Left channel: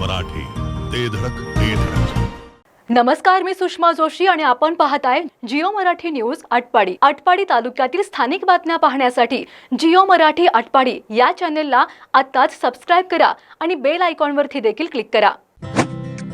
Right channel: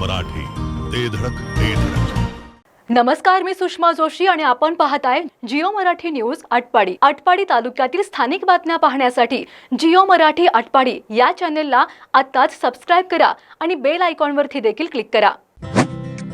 मराठी. ते धडक ते धडक. नमस्कार मी सुषमा जोशी आणि आपण पाहताय जिओ मराठी न्यूज आटपाडी. आटपाडी तालुक्यातील स्थानिक बातम्या पाहण्यासाठी जिओ मराठी आटपाडी या चॅनेलला आत्ताच सबस्क्राईब करा आणि बेल आयकॉनवरती देखील क्लिक करा.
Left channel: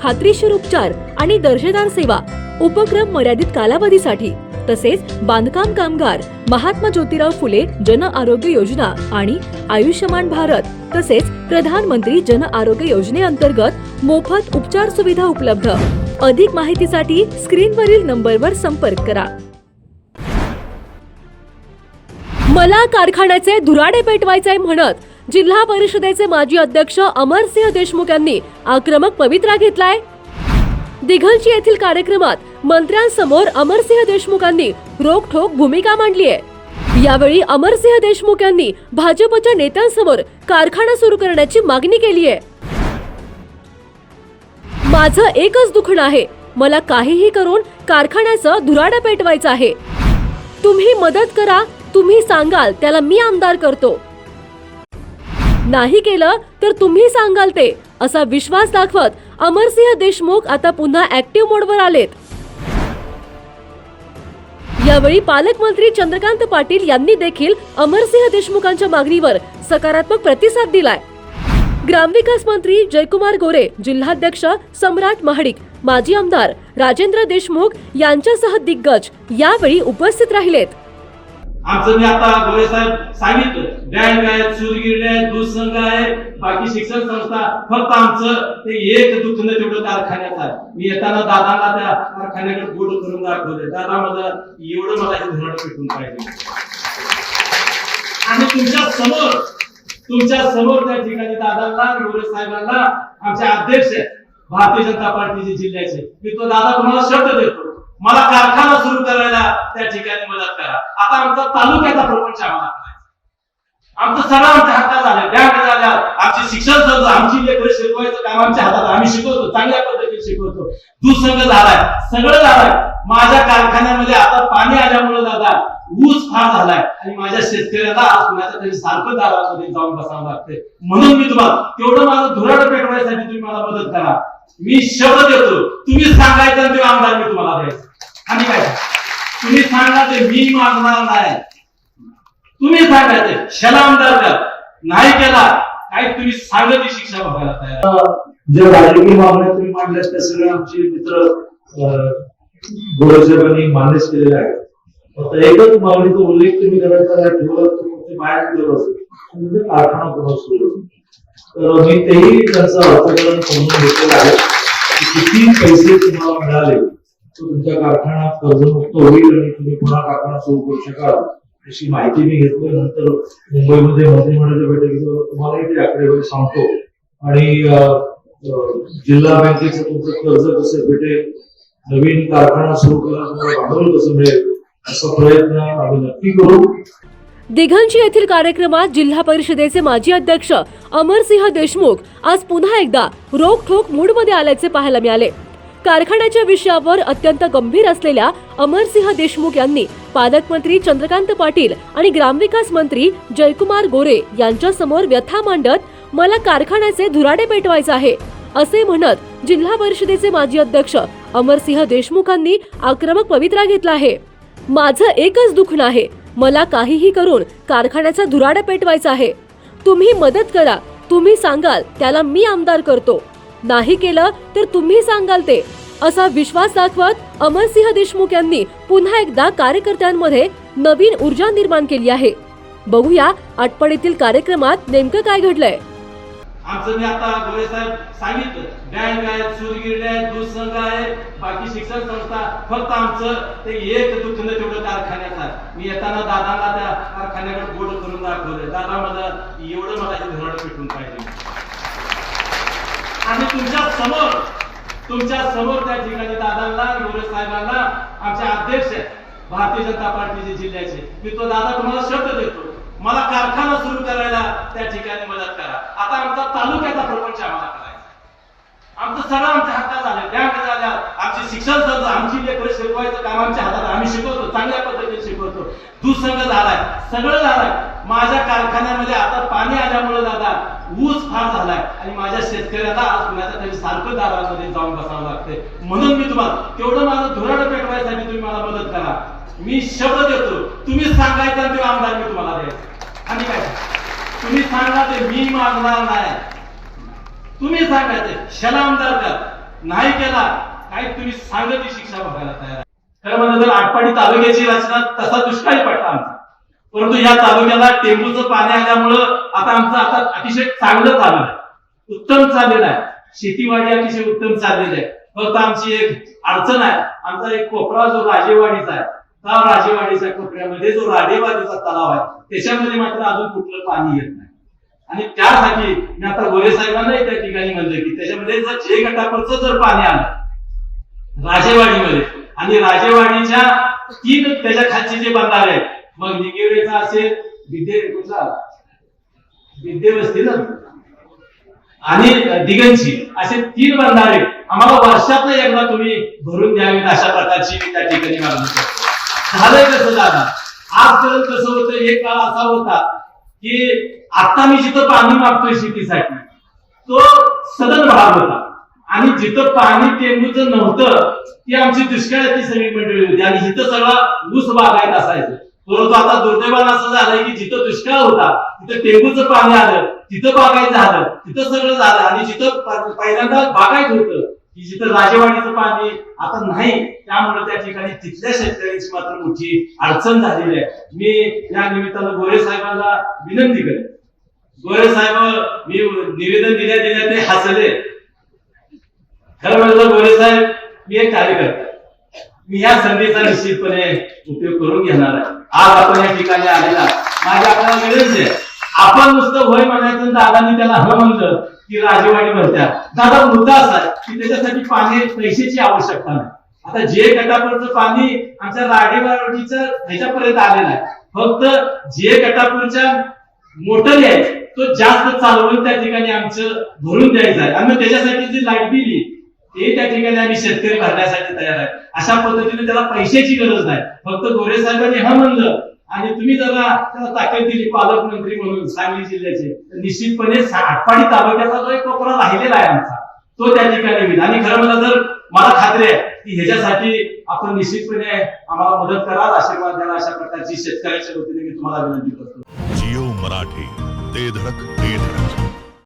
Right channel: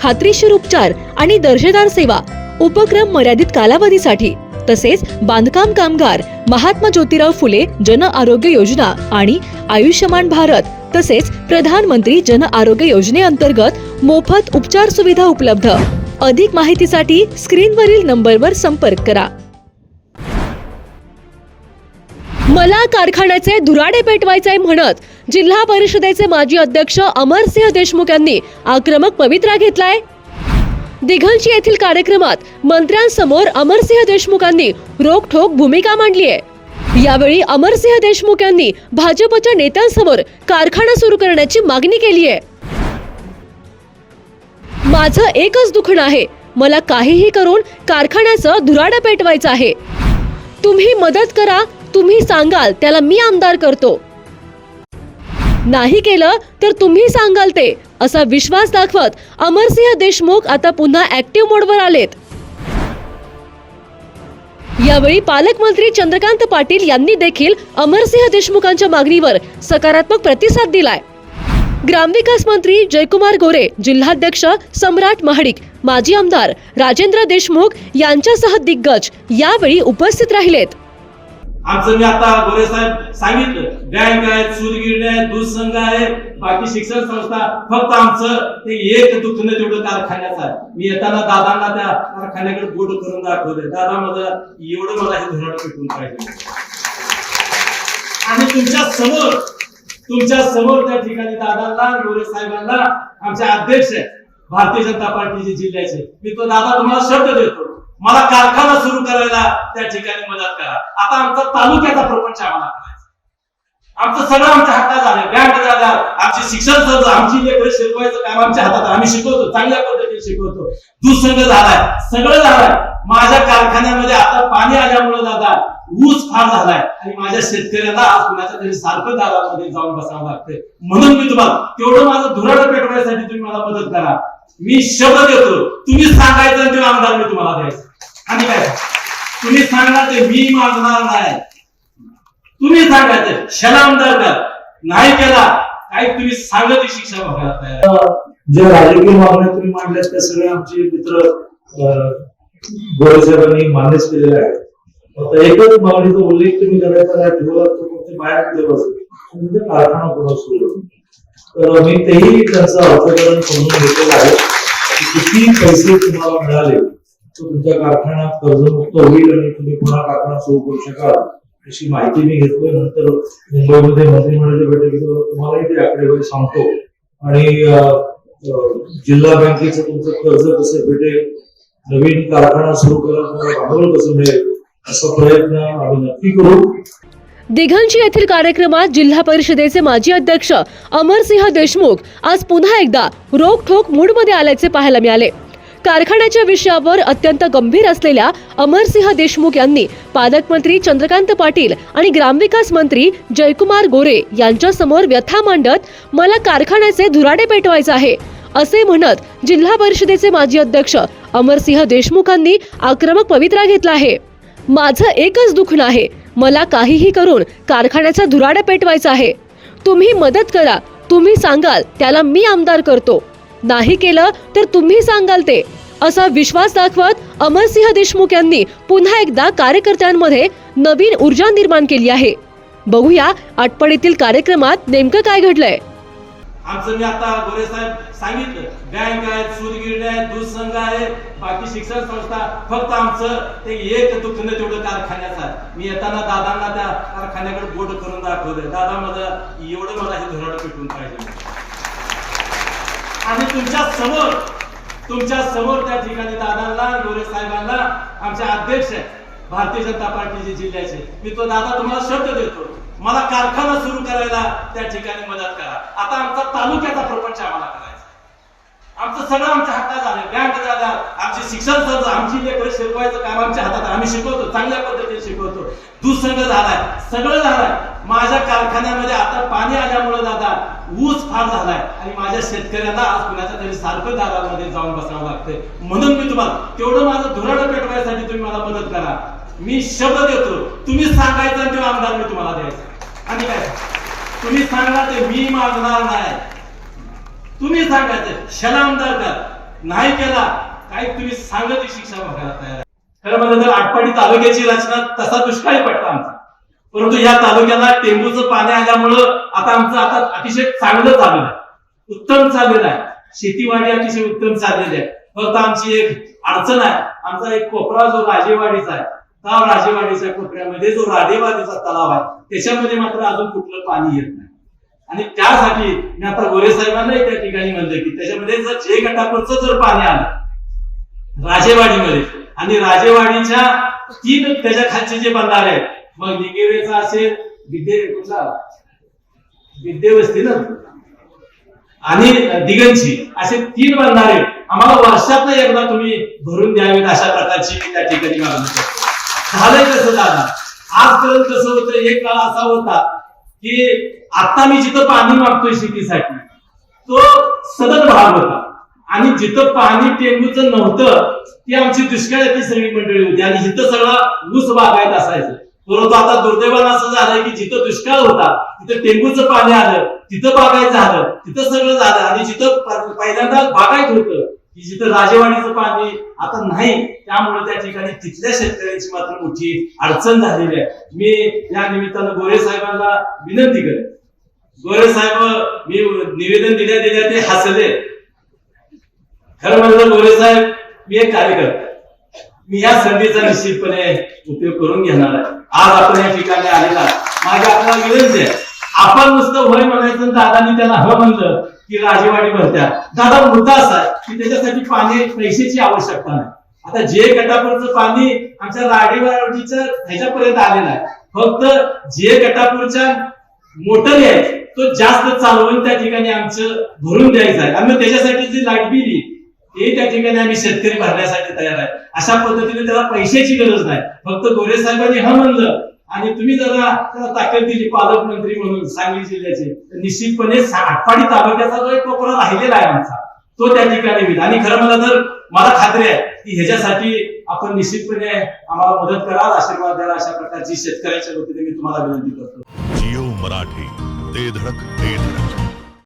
खात्रीशीर उपचार आणि दर्जेदार सेवा उपक्रम मर्यादित कालावधीसाठी तसेच बांधकाम कामगार महात्मा ज्योतिराव फुले जन आरोग्य योजना आणि आयुष्यमान भारत तसेच प्रधानमंत्री जन आरोग्य योजनेअंतर्गत मोफत उपचार सुविधा उपलब्ध. अधिक माहितीसाठी स्क्रीनवरील नंबरवर संपर्क करा. मला कारखान्याचे धुराडे पेटवायचे म्हणत जिल्हा परिषदेचे माजी अध्यक्ष अमरसिंह देशमुख यांनी आक्रमक पवित्रा घेतलाय. दिघलची येथील कार्यक्रमात मंत्र्यांसमोर अमरसिंह देशमुखांनी रोखठोक भूमिका मांडली आहे यावेळी अमरसिंह देशमुख यांनी भाजपच्या नेत्यांसमोर कारखाना सुरू करण्याची मागणी केली आहे माझं एकच दुखणं आहे. मला काहीही करून कारखान्याचं धुराडं पेटवायचं आहे. तुम्ही मदत करा तुम्ही सांगाल त्याला मी आमदार करतो. नाही केलं तर तुम्ही सांगाल ते असा विश्वास दाखवत अमरसिंह देशमुख आता पुन्हा ऍक्टिव्ह मोडवर आलेत. यावेळी पालकमंत्री चंद्रकांत पाटील यांनी देखील अमरसिंह देशमुखांच्या मागणीवर सकारात्मक प्रतिसाद दिलाय. ग्रामविकास मंत्री जयकुमार गोरे जिल्हाध्यक्ष सम्राट महाडिक माजी आमदार राजेंद्र देशमुख यांच्यासह दिग्गज यावेळी उपस्थित राहिलेत. आमचं मी आता गोरे साहेब सांगितलं बँक आहे सूतगिरणी आहे दूध संघ आहे बाकी शिक्षण संस्था फक्त आमचं ते एक दुखणं तेवढं कारखान्याचा मी येताना दादांना त्या कारखान्याकडे बोट करून दाखवलंय. दादा मला एवढं मला हे धरण पेटून पाहिजे. आणि तुमच्यासमोर तुमच्यासमोर त्या ठिकाणी दादांना गोरे साहेबांना आमचे अध्यक्ष आहेत. भारतीय जनता पार्टीचे जिल्ह्याचे. मी तो दादा तुम्हाला शब्द देतो. मला कारखाना त्या ठिकाणी मदत करा. आता आमचा तालुक्याचा प्रपंच आम्हाला करायचा. आमचं सगळं आमच्या हातात आलं बँक झाल्या आमची शिक्षण संस्था आमची लेकर शिकवायचं काम आमच्या हातात. आम्ही शिकवतो चांगल्या पद्धतीने शिकवतो. दुसंग झालाय. सगळं झालंय. माझ्या कारखान्यामध्ये आता पाणी आल्यामुळे दादा ऊस फार झालाय. आणि माझ्या शेतकऱ्याला आज कुणाच्या तरी सारखं दारामध्ये जाऊन बसावं लागतंय. म्हणून मी तुम्हाला तेवढं माझं धुराड पेटवण्यासाठी तुम्ही मला मदत करा. मी शब्द देतो तुम्ही सांगायचं आणि ते आमदार मी तुम्हाला द्यायचं. आणि काय तुम्ही सांगा ते मी मागणार नाही. तुम्ही सांगा ते. आमदार नाही केला काही तुम्ही सांगत ती शिक्षा बघायला तयार जे राजकीय मागण्या तुम्ही मांडल्यात त्या सगळ्या आमचे मित्र गोरेसाहेबांनी मान्यच केलेले आहेत. फक्त एकच मागणीचा उल्लेख तुम्ही करायचा नाही ठेवला तर मग बाहेर ठेवलं म्हणजे कारखाना पुन्हा सुरू तर मी तेही त्यांचं अर्थकरण समजून घेतलेलं आहे किती पैसे तुम्हाला मिळाले. तुमचा कारखाना कर्जमुक्त होईल आणि तुम्ही पुन्हा कारखाना सुरू करू शकाल अशी माहिती मी घेतोय. नंतर मुंबईमध्ये मंत्रिमंडळाच्या बैठकीत तुम्हालाही ते आकडेवारी सांगतो. आणि जिल्हा बँकेचं तुमचं कर्ज कसं भेटेल नवीन कारखाना सुरू करायला तुम्हाला भांडवल कसं मिळेल असा प्रयत्न आम्ही नक्की करू. दिघांची येथील कार्यक्रमात जिल्हा परिषदेचे माजी अध्यक्ष अमरसिंह देशमुख आज पुन्हा एकदा रोखठोक मूडमध्ये आल्याचे पाहायला मिळाले. कारखान्याच्या विषयावर अत्यंत गंभीर असलेल्या अमरसिंह देशमुख यांनी पालकमंत्री चंद्रकांत पाटील आणि ग्रामविकास मंत्री जयकुमार गोरे यांच्यासमोर व्यथा मांडत मला कारखान्याचे धुराडे पेटवायचे आहे असे म्हणत जिल्हा परिषदेचे माजी अध्यक्ष अमरसिंह देशमुखांनी आक्रमक पवित्रा घेतला आहे. माझं एकच दुखणं आहे मला काहीही करून कारखान्याचा धुराडा पेटवायचा आहे. तुम्ही मदत करा तुम्ही सांगाल त्याला मी आमदार करतो. नाही केलं तर तुम्ही सांगाल ते. असा विश्वास दाखवत अमरसिंह देशमुख यांनी पुन्हा एकदा कार्यकर्त्यांमध्ये नवीन ऊर्जा निर्माण केली आहे. बघूया आठपडीतील कार्यक्रमात नेमकं काय घडलंय. आमचं मी आता गोरे साहेब सांगितलं. बँक आहे सूरगिरणी आहे दूध संघ आहे बाकी शिक्षण संस्था फक्त आमचं ते एक दुखणं तेवढं कारखान्याचा मी येताना दादांना त्या कारखान्याकडे बोट करून दाखवलंय. दादा मला एवढं मला हे धरण पेटून पाहिजे. आणि तुमच्यासमोर तुमच्यासमोर त्या ठिकाणी दादांना गोरे साहेबांना आमचे अध्यक्ष भारतीय जनता पार्टीचे जिल्ह्याचे. मी तो दादा तुम्हाला शब्द देतो. मला कारखाना सुरू करायला त्या ठिकाणी मदत करा. आता आमचा तालुक्याचा प्रपंच आम्हाला करायचा आमचं सगळं आमच्या हातात झालं. बँक झाल्या आमचे शिक्षण संस्था आमची लेकरं शिकवायचं काम आमच्या हातात आम्ही शिकवतो चांगल्या पद्धतीने शिकवतो. दुसंग झालाय सगळं झालंय. माझ्या कारखान्यामध्ये आता पाणी आल्यामुळे दादा ऊस फार झालाय. आणि माझ्या शेतकऱ्यांना आज कुणाच्या तरी सारखं दारामध्ये जाऊन बसावं लागतंय. म्हणून मी तुम्हाला तेवढं माझं धुराड पेटवायसाठी तुम्ही मला मदत करा. मी शब्द देतो तुम्ही सांगायचं ते आमदार मी तुम्हाला द्यायचं. आणि काय तुम्ही सांगा ते मी मागणार नाही. तुम्ही सांगायचं क्षण आमदार कर. नाही केला काही तुम्ही सांगत शिक्षा बघायला तयार आहे. खरं म्हणजे तर आटपाडी तालुक्याची रचना तसा दुष्काळी पडता आमचा. परंतु या तालुक्याला टेंबूचं पाणी आल्यामुळं आता आमचं आता अतिशय चांगलं चाललं आहे. उत्तम चाललेलं आहे. शेतीवाडी अतिशय उत्तम चाललेली आहे. फक्त आमची एक अडचण आहे. आमचा एक कोपरा जो राजेवाडीचा आहे त्या राजेवाडीच्या कोपऱ्यामध्ये जो राजेवाडीचा तलाव आहे त्याच्यामध्ये मात्र अजून कुठलं पाणी येत नाही. आणि त्यासाठी मी आता गोरे साहेबांनाही त्या ठिकाणी म्हणलं की त्याच्यामध्ये जर जे गटापूरचं जर पाणी आलं राजेवाडीमध्ये आणि राजेवाडीच्या तीन त्याच्या खालचे जे बंधारे आहेत मग निगेवेचा असेल विद्ये कुठला विद्ये वस्ती ना. आणि दिगंची असे तीन बंधारे आम्हाला वर्षातनं एकदा तुम्ही भरून द्यावीत अशा प्रकारची त्या ठिकाणी मागणी झालंय कसं आज आजपर्यंत कसं होतं एक काळ असा होता की आता मी जिथं पाणी मागतोय शेतीसाठी तो सदन भाग होता. आणि जिथं पाणी टेंबूचं नव्हतं ती आमची दुष्काळाची सगळी मंडळी होती. आणि जिथं सगळा ऊस बागायत असायचं परंतु आता दुर्दैवानं असं झालंय की जिथं दुष्काळ होता तिथं टेंबूचं पाणी आलं तिथं बागायचं झालं तिथं सगळं झालं आणि जिथं पहिल्यांदा बागायत होतं की जिथं राजेवाडीचं पाणी आता नाही त्यामुळे त्या ठिकाणी तिथल्या शेतकऱ्यांची मात्र मोठी अडचण झालेली आहे. मी या निमित्तानं गोरे साहेबांना विनंती करेन. गोरे साहेब मी निवेदन दिल्या दिल्या ते हसले. खरं म्हणलं गोरे साहेब मी एक कार्यकर्ता मी या संधीचा निश्चितपणे उपयोग करून घेणार आहे. आज आपण या ठिकाणी आलेला माझी आपल्याला विनंती आहे आपण नुसतं होय म्हणायचं दादानी त्याला हवं म्हणलं की राजेवाडी म्हणत्या. दादा मुद्दा असा की त्याच्यासाठी पाणी पैशाची आवश्यकता नाही. आता जे गटापूरचं पाणी आमच्या राडेवाडीच्या ह्याच्यापर्यंत आलेलं आहे. फक्त जे गटापूरच्या मोटर आहे तो जास्त चालवून त्या ठिकाणी आमचं भरून द्यायचं आहे. आणि त्याच्यासाठी जी लाइट बिल ते त्या ठिकाणी आम्ही शेतकरी भरण्यासाठी तयार आहे. अशा पद्धतीने त्याला पैशाची गरज नाही. फक्त गोरे साहेबांनी हा म्हणलं आणि तुम्ही जरा त्याला ताकद दिली पालकमंत्री म्हणून सांगली जिल्ह्याचे तर निश्चितपणे सा- आटपाडी तालुक्याचा जो एक कोपरा राहिलेला आहे आमचा तो त्या ठिकाणी होईल. आणि खरं म्हणलं तर मला खात्री आहे की ह्याच्यासाठी आपण निश्चितपणे आम्हाला मदत कराल आशीर्वाद द्याल अशा प्रकारची शेतकऱ्याच्या वतीने मी तुम्हाला विनंती करतो. जिओ मराठी ते धडक ते धडक.